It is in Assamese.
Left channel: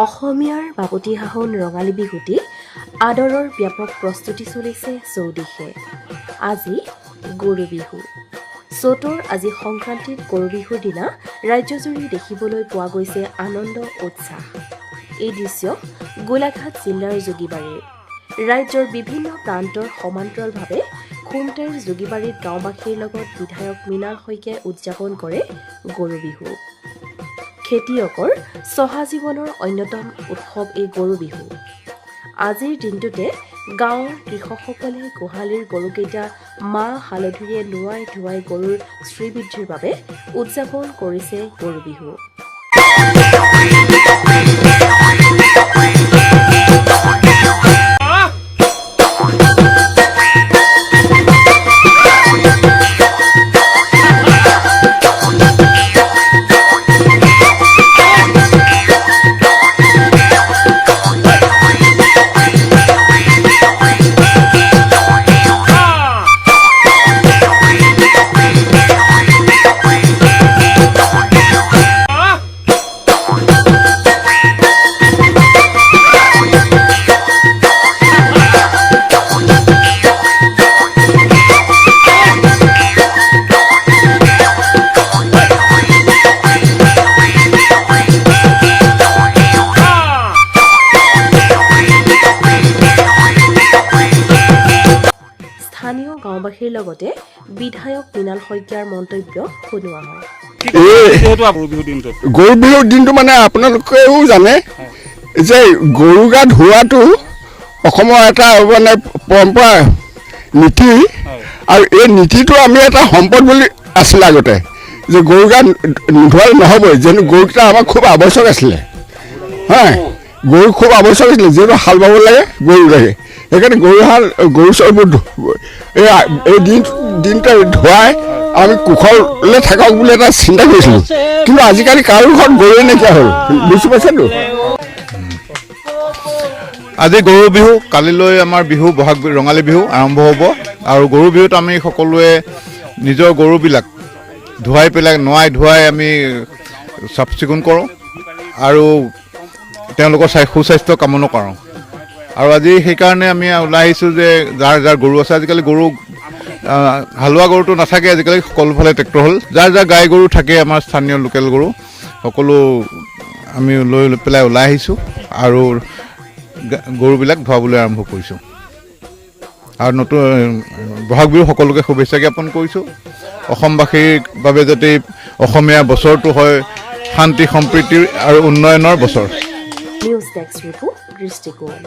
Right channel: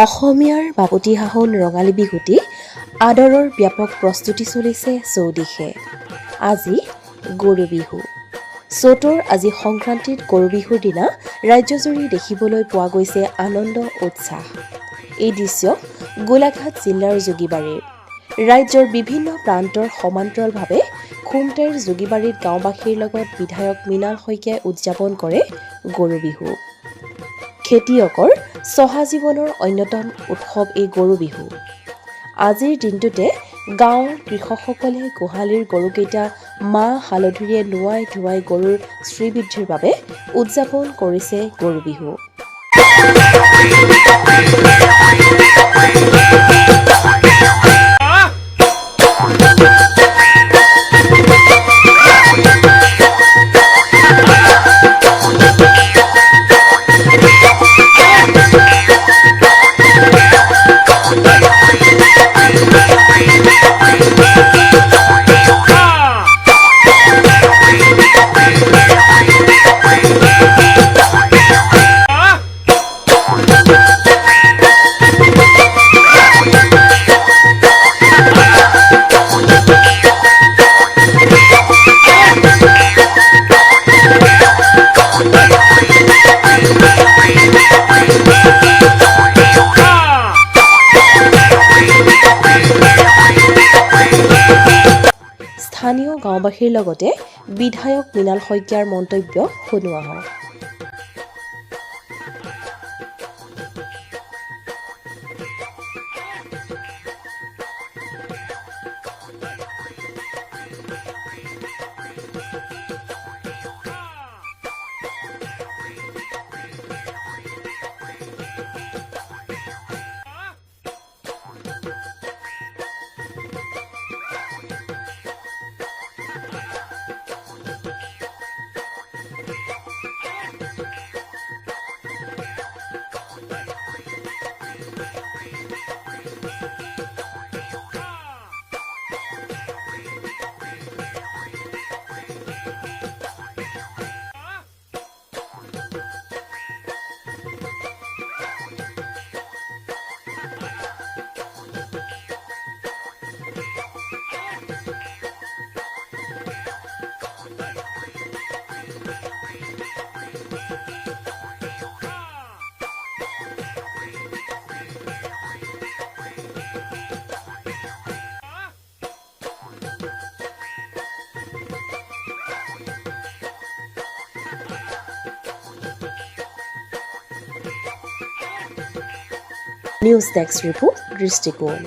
অসমীয়াৰ বাপতিসাহোন ৰঙালী বিহুটি আদৰৰ ব্যাপক প্ৰস্তুতি চলিছে চৌদিশে। আজি গৰু বিহু। চ'তৰ আজি সংক্ৰান্তিত গৰু বিহুৰ দিনা ৰাজ্যজুৰি দেখিবলৈ পোৱা গৈছে আনন্দ উৎসাহ। এই দৃশ্য গোলাঘাট জিলাৰ যোগীবাৰীৰ। ৰাজ্যৰ বিভিন্ন প্ৰান্তৰ সমান্তৰালভাৱে খুমটাইৰ যোগীবাৰীত গাঁওবাসীৰ লগত বিধায়ক মৃণাল শইকীয়াই উদযাপন কৰে গৰু বিহু। খেতিয়কৰ চহা জীৱনৰ অন্যতম উৎসৱ এই গৰু বিহু। আজিৰ দিনটোতে গাঁৱৰ কৃষকসকলে গোহালিৰ গৰুকেইটা মাহ হালধিৰে নোৱাই ধুৱাই গৰুৰ শ্ৰীবৃদ্ধিৰ বাবে উদযাপন কৰিছে গৰু বিহু। স্থানীয় গাঁওবাসীৰ লগতে বিধায়ক মৃণাল শইকীয়াৰ মন্তব্য শুনোৱা হয়। গৰু বিহুৰ দিনটো মানে আপোনালোকেও জানে যে গৰু গা ধোৱাটো অসমৰ এটা মানে পৰম্পৰা নীতি, আৰু এই নীতিটো আমি এটা সম্পদ বুলি আছিলে আগতে, যে গৰু গা ধোৱালে নহ'বই, যিহেতু গৰুকেইটা আমাৰ খুব আৱশ্যক আছিলে। হয়, গৰু খুব আৱশ্যক আছিলে, যিহেতু হাল বাব লাগে গৰু লাগে, সেইকাৰণে গৰু চৰবোৰ এই দিনটো ধুৱাই আমি কুশলে থাকক বুলি এটা চিন্তা কৰিছিলোঁ। কিন্তু আজিকালি কাৰো ঘৰত গৰুৱে নাইকিয়া হ'ল, বুজি পাইছেতো। আজি গৰু বিহু, কালিলৈ আমাৰ বিহু বহাগ ৰঙালী বিহু আৰম্ভ হ'ব। আৰু গৰু বিহুত আমি সকলোৱে নিজৰ গৰুবিলাক ধুৱাই পেলাই নোৱাই ধুৱাই আমি চাফ চিকুণ কৰোঁ আৰু তেওঁলোকৰ সুস্বাস্থ্য কামনা কৰোঁ। আৰু আজি সেইকাৰণে আমি ওলাই আহিছোঁ যে যাৰ যাৰ গৰু আছে, আজিকালি গৰু হালোৱা গৰুটো নাথাকে, আজিকালি সকলোফালে ট্ৰেক্টৰ হ'ল। যাৰ যাৰ গাই গৰু থাকে, আমাৰ স্থানীয় লোকেল গৰু সকলো আমি লৈ পেলাই ওলাই আহিছোঁ আৰু গৰুবিলাক ধুৱাবলৈ আৰম্ভ কৰিছোঁ। আৰু নতুন বহাগ বিহু সকলোকে শুভেচ্ছা জ্ঞাপন কৰিছোঁ। অসমবাসীৰ বাবে যাতে অসমীয়া বছৰটো হয় শান্তি সম্প্ৰীতিৰ আৰু উন্নয়নৰ বছৰ। নিউজ ডেস্ক ৰিপোৰ্ট, দৃষ্টিকোণ।